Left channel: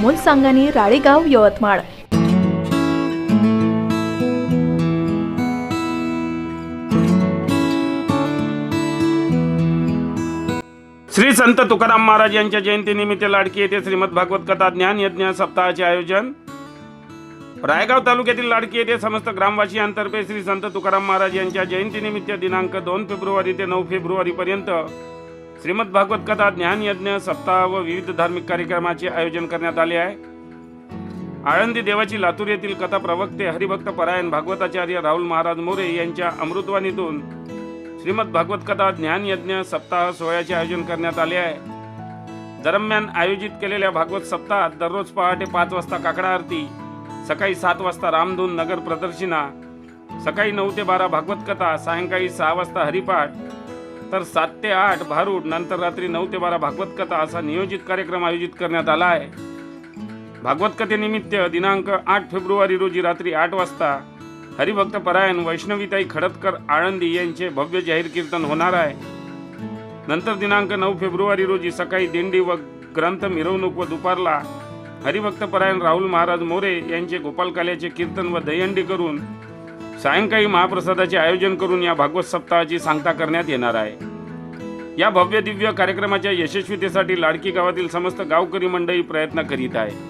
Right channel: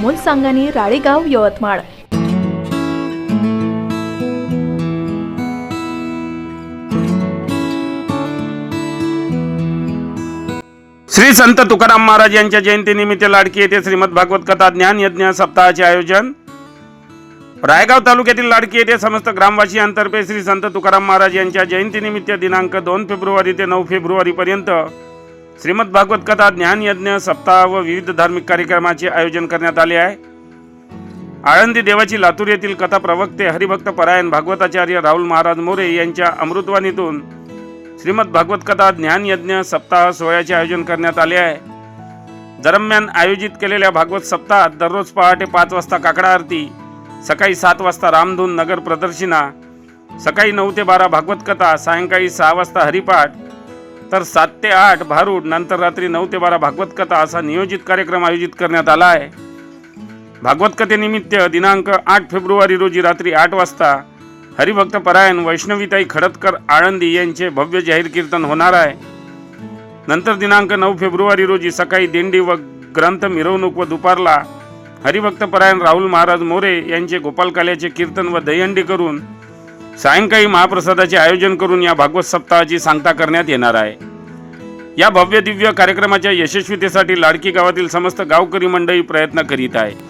अमोल सांगानी राळेगाव यवतमाळ. श्री संत तुकाराम महाराज यांच्या जयंतीनिमित्त लाडकी येथे श्रीमद भागवत कथा ज्ञान यज्ञ सप्ताहाचे आयोजन. रायगाव तालुक्यातील लाडकी येथे समस्त ग्रामवासियांतर्फे श्री संत तुकाराम महाराज यांच्या जयंतीनिमित्त दिनांक दोन फेब्रुवारी ते नऊ फेब्रुवारी पर्यंत श्रीमद भागवत कथा ज्ञान यज्ञ सप्ताह व विविध धार्मिक कार्यक्रमाचे आयोजन करण्यात आले आहे. आळंदी देवाची लातूर येथील कथा प्रवक्ते हरिभक्त परायण भागवताचार्य राहुल महाराज मोरे यांच्या अमृतवाणीतून श्रीमद भागवत कथा ज्ञान यज्ञ सप्ताह सोहळ्याचे आयोजन करण्यात आले आहे. दरम्यान आयोजित केलेल्या भागवत सप्ताहात दररोज पहाटे पाच वाजता काकडा आरती सकाळी सात वाजता रामधून नगर प्रदर्शिना सकाळी नऊ ते बारा भागवत कथा सायंकाळी सहा वाजता हरिपाठ तर सात ते आठ भारूड नंतर रात्री नऊ ते बारा भागवत कथा असा नियोजित कार्यक्रम आयोजित करण्यात आला आहे. भागवत कथेनिमित्त दिनांक आठ फेब्रुवारी रोजी रात्री आठ वाजता हरिभक्त परायण वैष्णवीताई खडतकर आळंदी यांचे भव्य जाहीर कीर्तन होणार आहे. नंतर दिनांक नऊ फेब्रुवारी रोजी सकाळी दिंडी व ग्रंथ मिरवणूक व दुपारला हरिभक्त परायण राहुल महाराज मोरे यांचे गोपालकाल्याचे कीर्तन व दहीहंडी करून सायंकाळी महाप्रसादाचे आयोजन करून या भागवत सप्ताहाची सांगता करण्यात येणार आहे. या भव्य दिव्य कार्यक्रमाच्या यशस्वीतेसाठी लाडकी गावातील समस्त गावकरी मंडळी प्रयत्न करीत आहे